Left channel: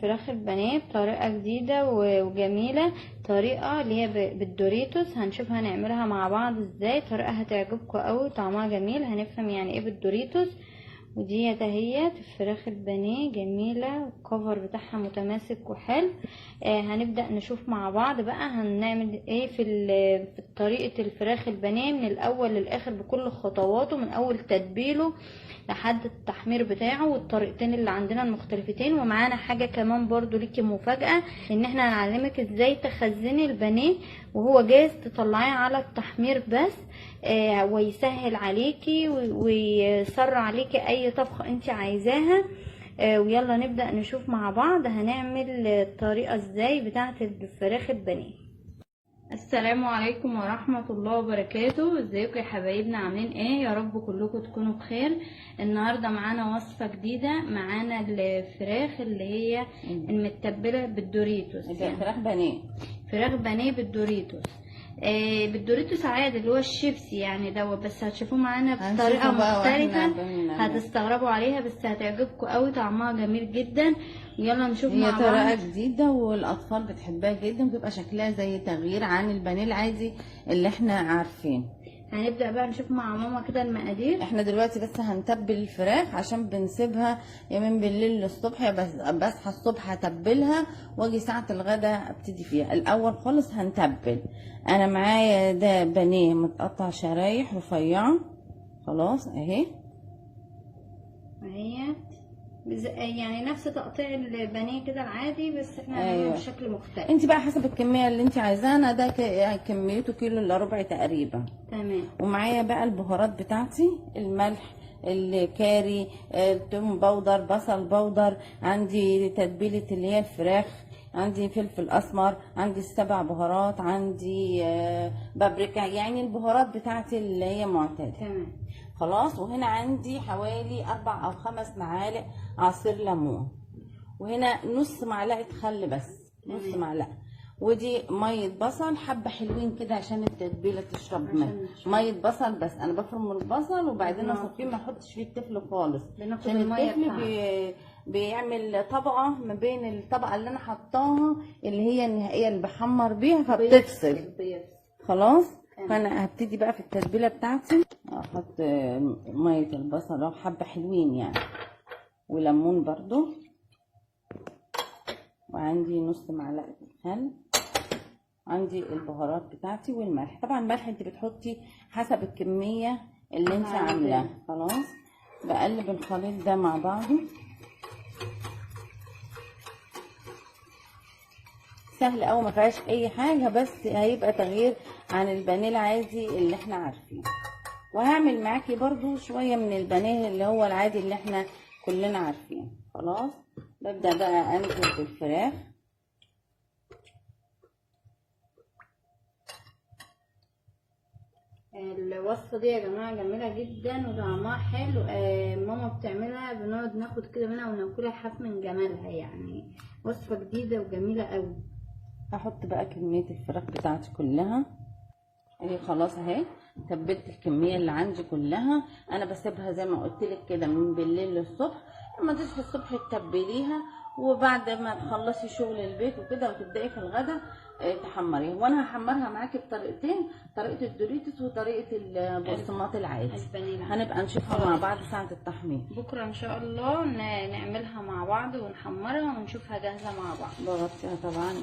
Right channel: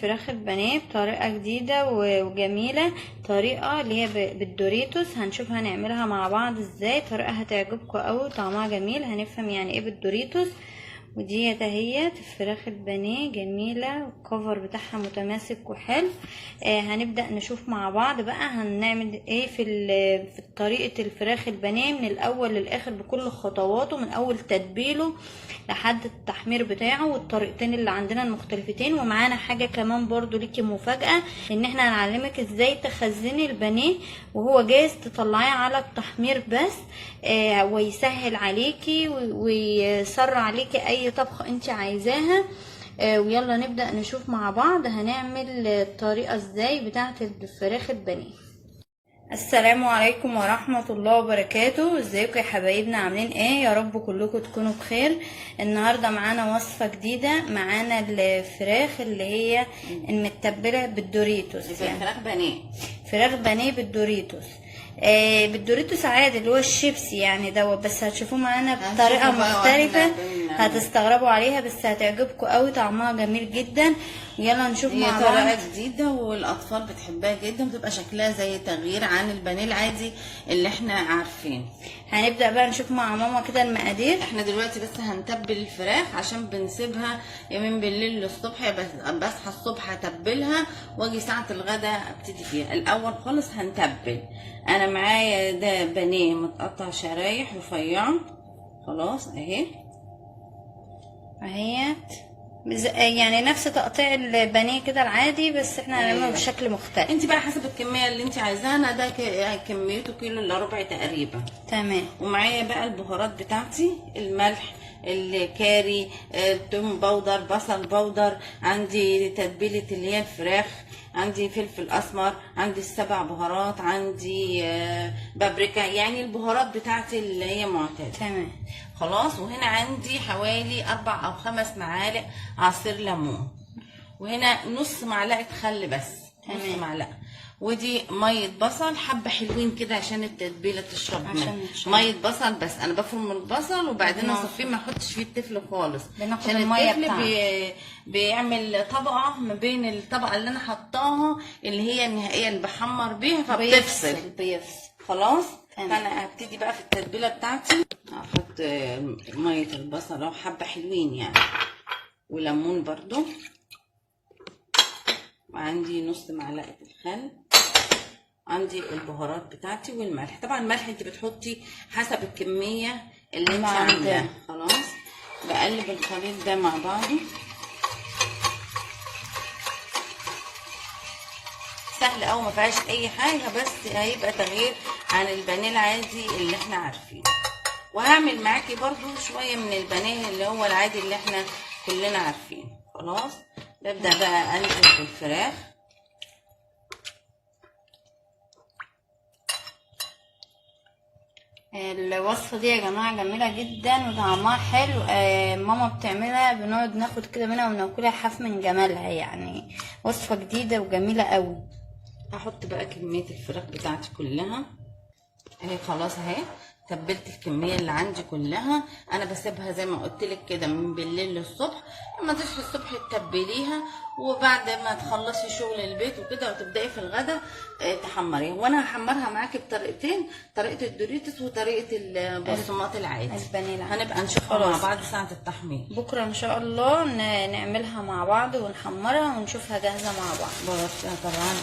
الفراخ البانيه بطريقه جديده وجميله، طريقه اللي هي بالدوريتوس. هنشوف هنعملها مع بعض ازاي، طريقه هتعجبكم قوي، طعمها جميل، هنفهم يعني ايه بالدوريتوس. ودي اهيت الفراخ البانيه جميله، الكفر بتاعها متماسك وحلو. هنبدا نشوف مع بعض بقى هنعمل ايه في طريقه الفراخ البانيه من الاول للاخر بكل خطواته، من اول تتبيله لحد التحمير بتاعه، والطريقتين اللي عندنا المختلفتين. ومعانا حاجه كمان برضو ليكي مفاجاه، ان احنا هنعلمك ازاي تخزني البانيه وهو جاهز تطلعيه على التحمير بس، ويسهل عليكي ويسرع عليكي اي طبخه انت عايزاها. ويلا نبدأ نشوف مع بعض هنعمل الطريقة ازاي بتاعة الفراخ البانيه. السلام عليكم ورحمة الله وبركاته. ازيكم يا حبايبنا، عاملين ايه؟ يا رب كلكم تكونوا بخير. النهاردة معانا وصفة جديدة، معانا الفراخ اللي هي المتبلة بالدوريتوس، يعني فراخ بانيه، فراخ بانيه بالدوريتوس. بالدوريتوس عادي اللي هو الشيبسي يعني دوت، بس هتشوفوه معانا بطريقه مختلفه هتستغربوا عليها، بس هتعجبكم قوي، طعمها جميل جدا. يلا نشوف مع بعض. هي طريقه جديده والاطفال بتحبها جدا، بتبقى شكلها زي تغيير عن البانيه العادي اللي احنا عارفين. هنبدا بقى نشوف مع ماما كده المقادير. احنا دلوقتي بس هنتبل الفراخ عشان بنسيبها يا من بالليل للصبح، بصحى الصبح اتبلها واجي ساعه الغداء ابتدي فيها. الاول خالص هنتبل. انا معايا ده بانيه متقطع شرايح رفيعه، خلاص اهي يعني نفس تقطيع البانيه كده العادي، بس احنا هنعمله بشكل مختلف. انت بقى حسب الكميه اللي انت عايزاها. انا ده كميته كيلو الا ربع تقريبا. تمام. ومعايا بقى البهارات بتاعتي، الملح، الكاري، توم بودر، بصل بودر، عندي تتبيله اللي هي الفراخ، عندي فلفل اسمر، عندي السبع بهارات، عندي بابريكا، يعني البهارات بتاعتي اللي هي معتاده. تمام خلاص. وهنا عندي حوالي 4 أو 5 معالق عصير ليمون، وهنا نص معلقه خل بس. تمام. نص معلقه. ودي ميه بصل حبه حلوين كده عشان التتبيله تشرب منها. ميه بصل بس. انا بفرم البصل وبعدين اصفيه، ما احطش فيه التفل خالص، عشان التفل بيعمل طبقه ما بين الطبقه اللي انا حطاها اللي هي النهائيه اللي بحمر بيها، فبتفصل. خلاص. فانا هبتدي بقى في التتبيله بتاعتي. احط ميه البصل اهو حبه حلوين يعني، وليمون برضو، وعندي نص معلقه الخل، عندي البهارات بتاعتي والملح. طبعا الملح انت بتحطي حسب الكميه اللي انت عاملاها. خلاص. بقلب الخليط ده مع بعضه. سهل قوي، ما فيهاش اي حاجه، بس هيبقى تغيير عن البانيه العادي اللي احنا عارفينه. وهعمل معاكي برضو شويه من البانيه اللي هو العادي اللي احنا كلنا عارفينه. خلاص. ببدا بقى انزل بالفراخ. الوصفه دي يا جماعه جميله جدا وطعمها حلو. ماما بتعملها، بنقعد ناخد كده منها وناكلها حاف من جمالها، يعني وصفه جديده وجميله قوي. هحط بقى كميه الفراخ بتاعتي كلها اهي. خلاص اهي تبلت الكميه اللي عندي كلها. انا بسيبها زي ما قلت لك كده من بالليل للصبح. لما تصحي الصبح تتبليها، وبعد ما تخلصي شغل البيت وكده وتبداي في الغدا تحمريها. وانا هحمرها معاكي بطريقتين، طريقه الدوريتوس وطريقه البقسماط العادي. هنبقى نشوفها مع بعض ساعه التحمير. بكره ان شاء الله نعملها مع بعض ونحمرها ونشوفها جاهزه مع بعض. بغطيها طبعا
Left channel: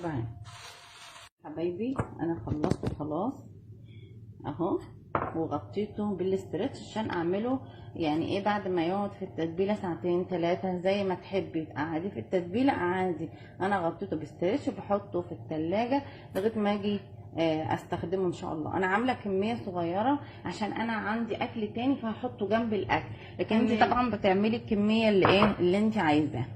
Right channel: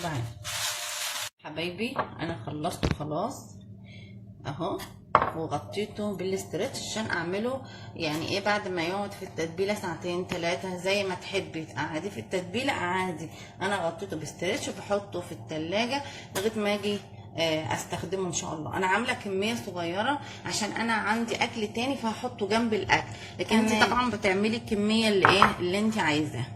وبعدين حبايبي انا خلصت خلاص اهو، وغطيته بالاسترتش عشان اعمله يعني بعد ما يقعد في التتبيله ساعتين 3 زي ما تحبي تقعدي في التتبيله عادي. انا غطيته باسترتش وبحطه في التلاجة لغايه ما اجي استخدمه ان شاء الله. انا عامله كميه صغيره عشان انا عندي اكل تاني فهحطه جنب الاكل، لكن انت طبعا بتعملي الكميه اللي انت عايزاها.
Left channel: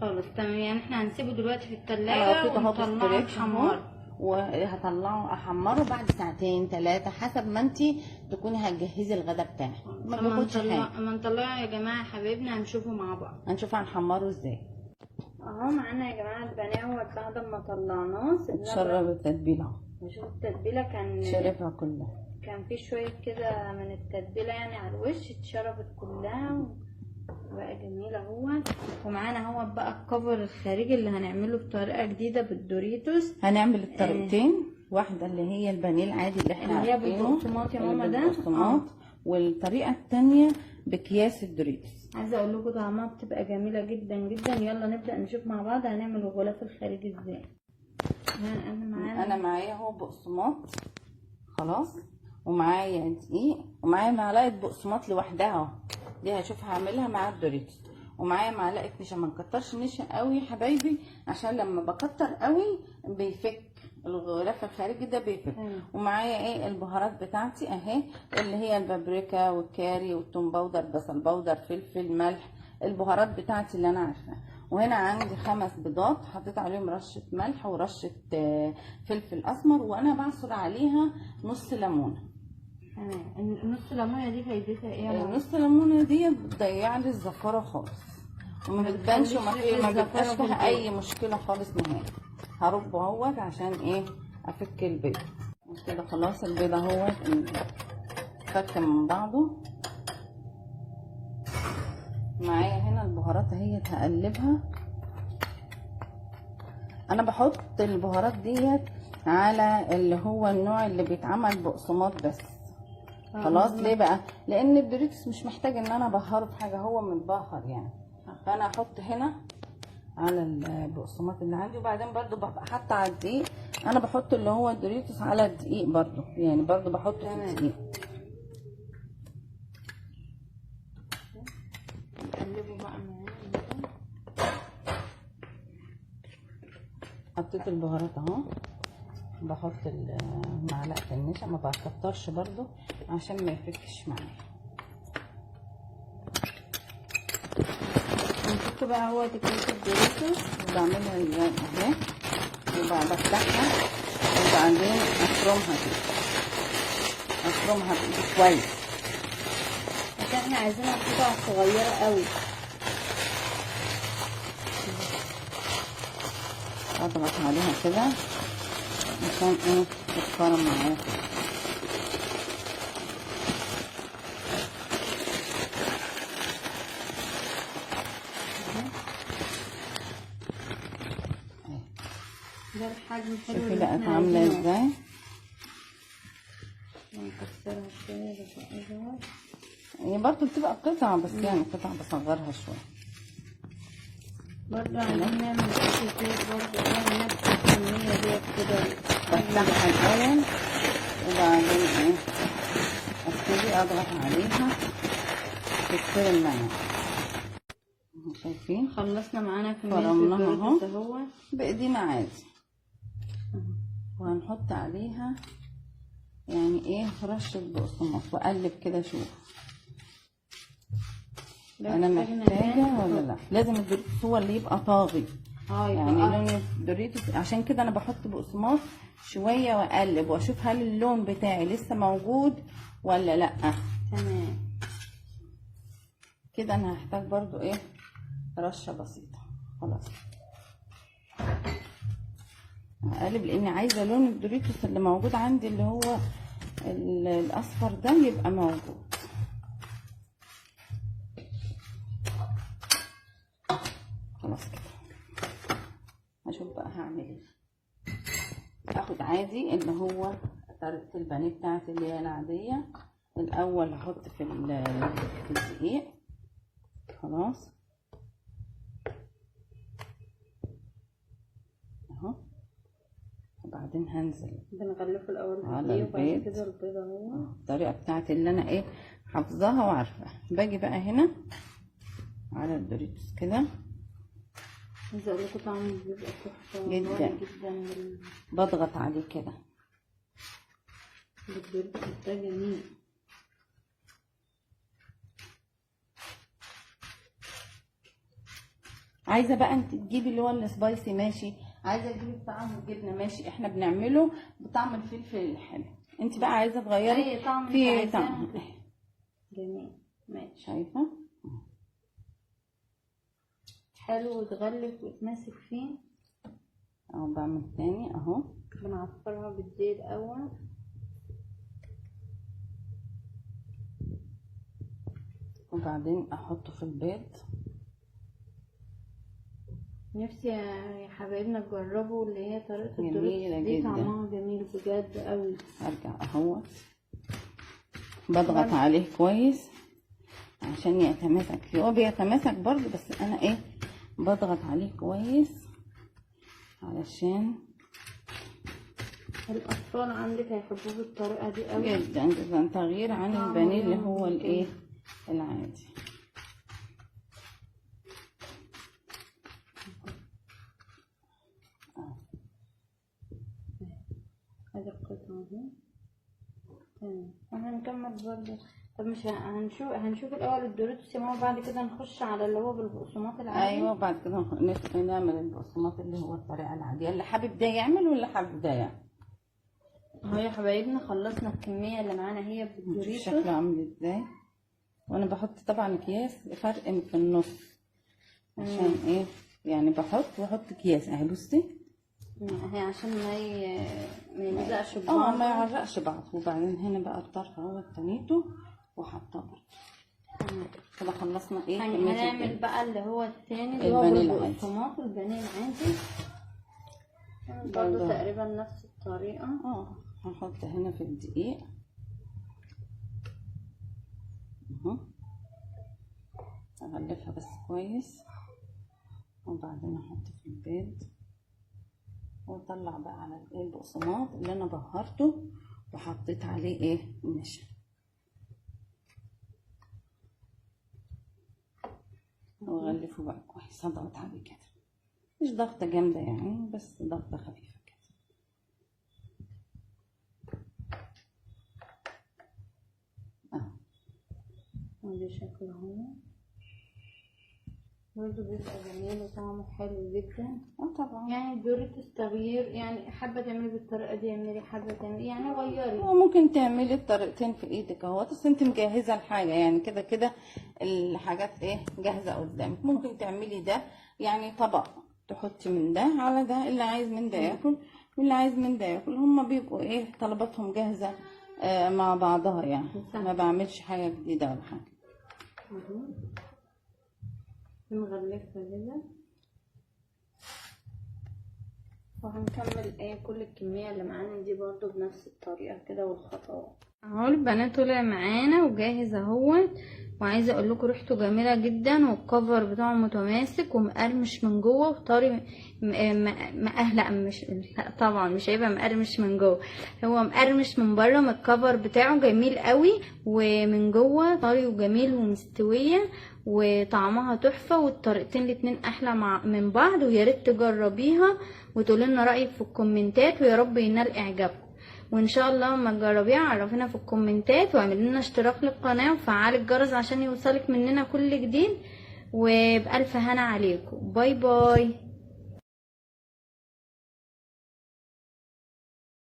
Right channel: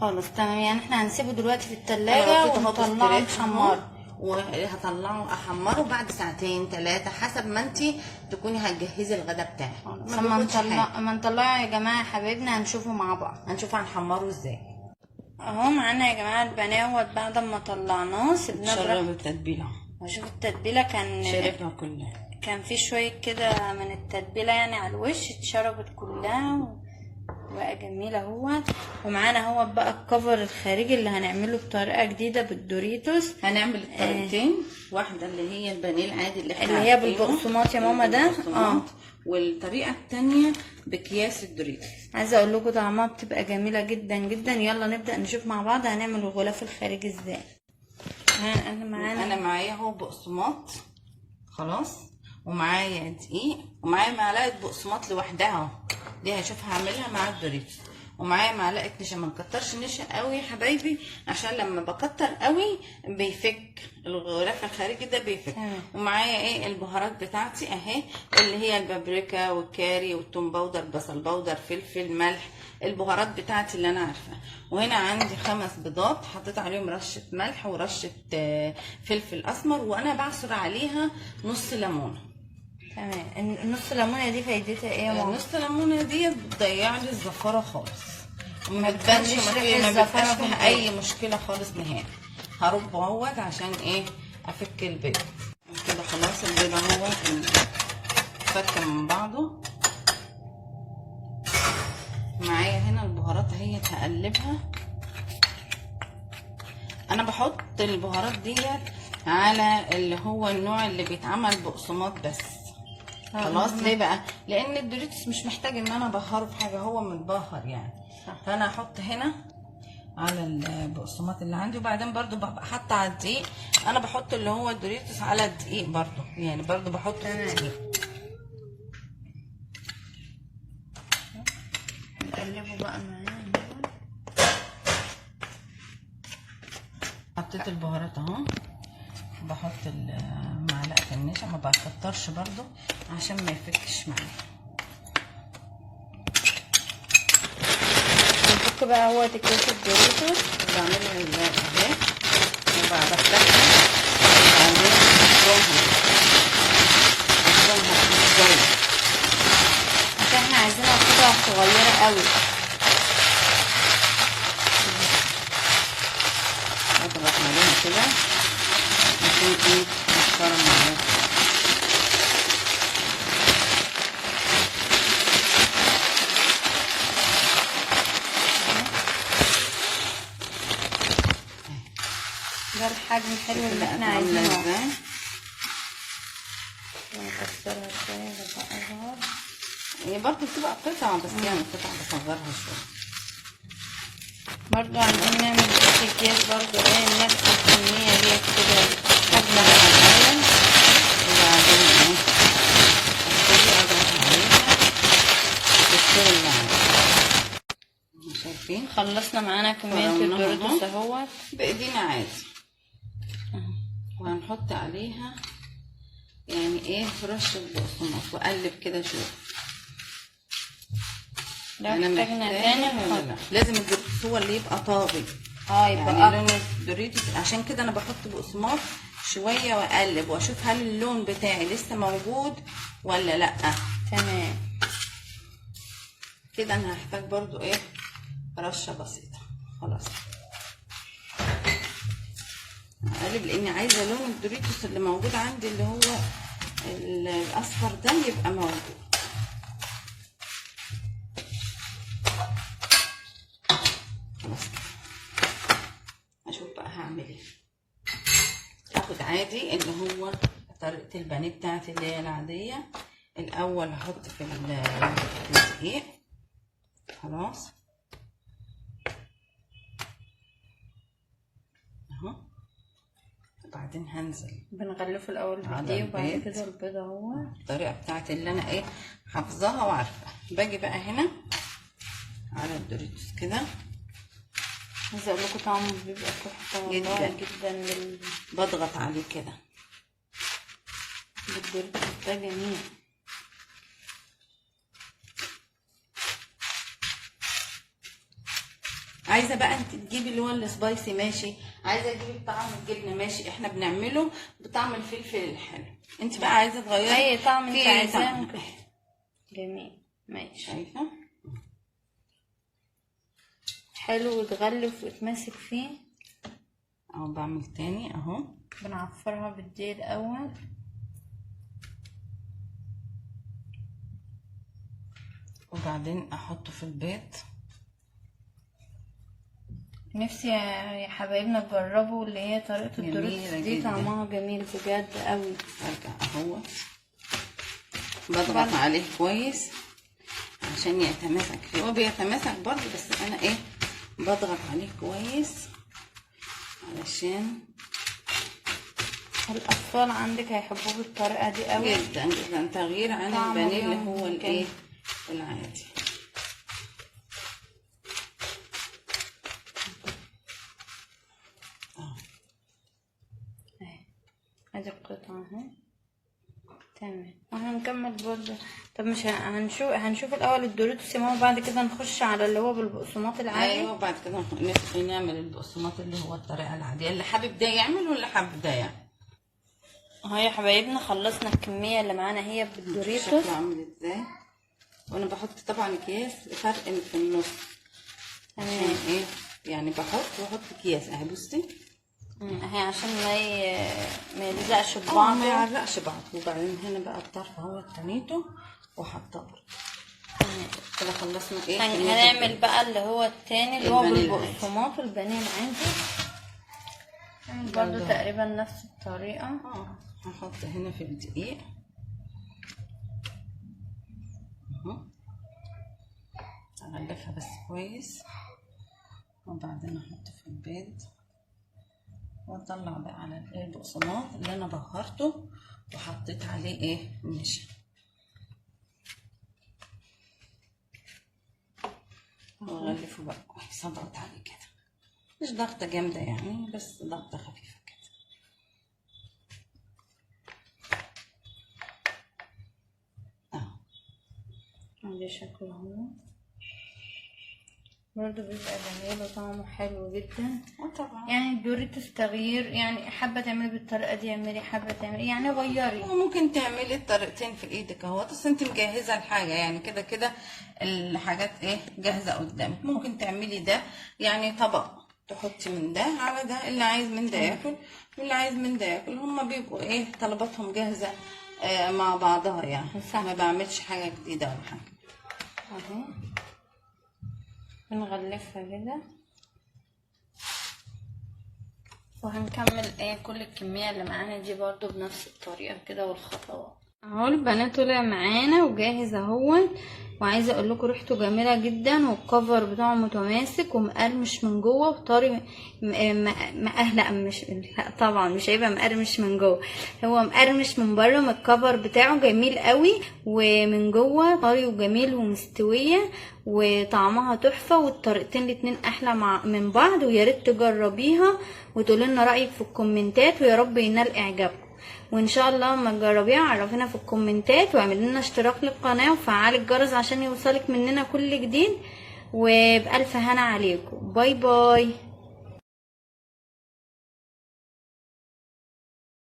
خلاص تمام. يعني احنا هنسيبه دلوقتي في التلاجة ونطلعه نحمره، وهطلعه احمره بعد ساعتين 3 حسب ما انتي تكوني هتجهزي الغدا بتاعك. ما نطلعه يا جماعه حبايبنا، هنشوفه مع بعض، هنشوف هنحمره ازاي. اهو معانا يا جماعه البانيه بعد ما طلعناه سيبناه شرب التتبيله. وشوف التتبيله شربها كلها، كان في شويه كده من التتبيله يعني على الوش اتشربت كلها بقى جميل اهو. ومعانا اهو بقى الكفر الخارجي اللي هنعمله بطريقه جديده بالدوريتوس. هنعمل الطريقتين، واحده اللي هي البانيه العادي اللي احنا اللي هي عارفينه، بالبقسماط يا ماما ده. والطريقه التانية باكياس الدوريتوس. عايزه اقول لكم طعمها بتبقى جميله جدا جدا. يلا نبدا نشوف مع بعض هنعمل الغلاف الخارجي ازاي. انا معايا اهو بقسماط خلاص، ومعايا دقيق، ومعايا معلقه بقسماط لوحدها اهو، دي هشوف هعملها مع الدوريتوس. ومعايا معلقه نشا، ما نكترش نشا قوي يا حبايبي عشان لما بكتر قوي بيفك الغلاف الخارجي ده بيفك. ومعايا ايه البهارات بتاعتي اهي، اللي هي البابريكا والكاري والثوم باودر، بصل باودر، فلفل، ملح، البهارات بتاعتي اللي انا عارفاها. وهنا عندي 5 بيضات حطيت عليهم رشه ملح ورشه فلفل اسمر، وانا بعصر عليها نص ليمونه. تمام. النص ليمونه دي فايدتها ايه يا ماما؟ نص ليمونه دي بتضيع لي الزفاره خالص، وما بتبانش ما بيبقاش فيها اي مشكله خالص نهائي. هرب اهوت عشان ايه افك البيض كده. خلاص البيض اهوت فك من بعضه. معايا هنا البهارات اهي هقلبها. انا بحط البهارات ديت على اللي هو النوع اللي بيتعمل بقسماط بس. خلاص ليه بقى؟ لان الدوريتوس مش محتاج ان انا ابهره في حاجه، هو متبهر يعني. فانا احط هنا على البقسماط اللي عندي، وبعدين برضو ببقى حاطه على الدقيق. انا بحط اللي هو الدوريتوس على الدقيق برضو، يعني برضو بحطه في الدقيق. نقلبه بقى معايا. حطيت البهارات اهو، بحط معلقه النشا، ما بكترش برضو عشان ما يفكش معايا. نفك بقى هو اكياس الدوريتوس. بعملها اهي، بفتحها وبعدين افرمها كويس عشان احنا عايزينها قطع صغيره قوي. اضغط عليها كده عشان ايه تتفرم معايا. ده الحجم الحلو اللي كده احنا عامله عايزينه. ازاي؟ نكسرها شويه بقى اصغر. هي برضه بتبقى قطع، بس يعني قطع بصغرها شويه. برضو عايزين نعمل اكياس برضو ايه نفس الكميه ديت كده. افتح الاول وبعدين ايه ابتدي اضغط عليها تتفرم معايا. شايفين خلصنا معانا كميه الدوريتوس اهوت بايدينا عادي. وهنحط عليها يعني ايه رشه بقسماط واقلب كده. شوف انا محتاجه ولا لا. لازم الدوريتوس هو اللي يبقى طاغي. يبقى يعني لون الدوريتوس، عشان كده انا بحط بقسماط شويه واقلب واشوف هل اللون بتاعي لسه موجود ولا لا. تمام كده انا هحتاج برضو ايه رشه بسيطه. خلاص هقلب لاني عايزه لون الدوريتوس اللي موجود عندي اللي هو الاصفر ده يبقى موجود. خلاص كده هشوف بقى هعمل ايه. هاخد عادي اللي هو طريقه البانيه بتاعتي اللي هي العاديه. الاول هحط في الدقيق. خلاص اهو، وبعدين هنزل بنغلفه الاول بالدقيق وبعد كده البيض اهو. الطريقه بتاعتي اللي انا ايه حافظاها وعارفاها. باجي بقى هنا على الدوريتوس كده. عايزه اقول لكم طعمه بيبقى تحفه جدا جدا. بضغط عليه كده بالدوريتوس ده جميل. عايزه بقى انت تجيبي اللي هو السبايسي ماشي، عايزه تجيبي بطعم الجبنه ماشي، احنا بنعمله بطعم الفلفل الحلو. انت بقى عايزه تغيري اي طعم انت عايزاه. جميل ماشي. شايفه حلو وتغلف وتمسك فيه. اهو بعمل تاني اهو. بنعفرها بالدقيق الاول. وبعدين احطه في البيض. نفسي يا حبايبنا تجربوا اللي هي طريقة الدوريتوس دي، جداً. طعمها جميل بجد قوي. ارجع اهوت بضغط عليه كويس عشان يتماسك فيه، هو بيتماسك برضه بس انا ايه بضغط عليه كويس علشان الاطفال عندك هيحبوه بالطريقة دي قوي جدا جدا، تغيير عن طعمه البانيه اللي جميل هو جداً. الايه العادي. ادي القطعة اهي تمام. وهنكمل برضه. طب مش هنشوف الاول الدوريتوس يا ماما، بعد كده نخش على اللي هو بالبقسماط العادي. ايوه بعد كده نعمل البقسماط اللي هو الطريقه العاديه، اللي حابب ده يعمل واللي حابب ده يعمل. اهو يا حبايبنا خلصنا الكميه اللي معانا هي بالدوريتوس. شكله عامل ازاي، وانا بحط طبعا اكياس فرق في النص عشان ايه يعني واحط اكياس اهي بصي اهي عشان ما يلزقش ببعض ما يعرقش بعض. وبعدين هنا بقى الطرف اهو تنيته وحطاه برضه كده. خلصنا ايه هنعمل بقى اللي هو التاني اللي هو بالبقسماط البانيه العادي. هنعمل برضه تقريبا نفس الطريقه. هحط هنا في الدقيق اهو، اغلفها بس كويس وبعدين احط في البيض واطلع بقى على البقسماط اللي انا بهرته وحطيت عليه ايه النشا. واغلفه بقى كويس، اضغط عليه كده، مش ضغطه جامده يعني بس ضغطه خفيفه كده. ادي شكله هو برضه بيبقى جميل وطعمه حلو جدا. طبعا يعني الدوريتوس تغيير، يعني حابه تعملي بالطريقه دي اعملي، حابه تعملي يعني غيري. وممكن تعملي الطريقتين في ايدك اهو، بس انت مجهزه الحاجه يعني كده كده الحاجات ايه جاهزه قدامك. ممكن تعملي ده يعني طبق تحطي من ده على ده، اللي عايز من ده ياكل واللي عايز من ده ياكل. هما بيبقوا ايه طلباتهم جاهزه مع بعضها يعني ما بعملش حاجه جديده ولا حاجه. اهو بنغلفها كده وهنكمل كل الكميه اللي معانا دي برضو بنفس الطريقه كده والخطوات. اهو البنات طلع معانا وجاهز اهوت، وعايزه اقول لكم ريحته جميله جدا والكفر بتاعه متماسك ومقرمش من جوه وطري. لا مش لا طبعا مش هيبقى مقرمش من جوه، هو مقرمش من بره. من الكفر بتاعه جميل قوي ومن جوه طري وجميل ومستويه وطعمها تحفه. والطريقتين الاتنين احلى من بعض، ويا ريت تجربيها وتقولي لنا رايك في الكومنتات، ويا رب ينال اعجابكم. وان شاء الله لما تجربيها عرفينا في الكومنتات، واعملي لنا اشتراك للقناه وفعلي الجرس عشان يوصلك مننا كل جديد. وبألف هنا عليكم. باي باي.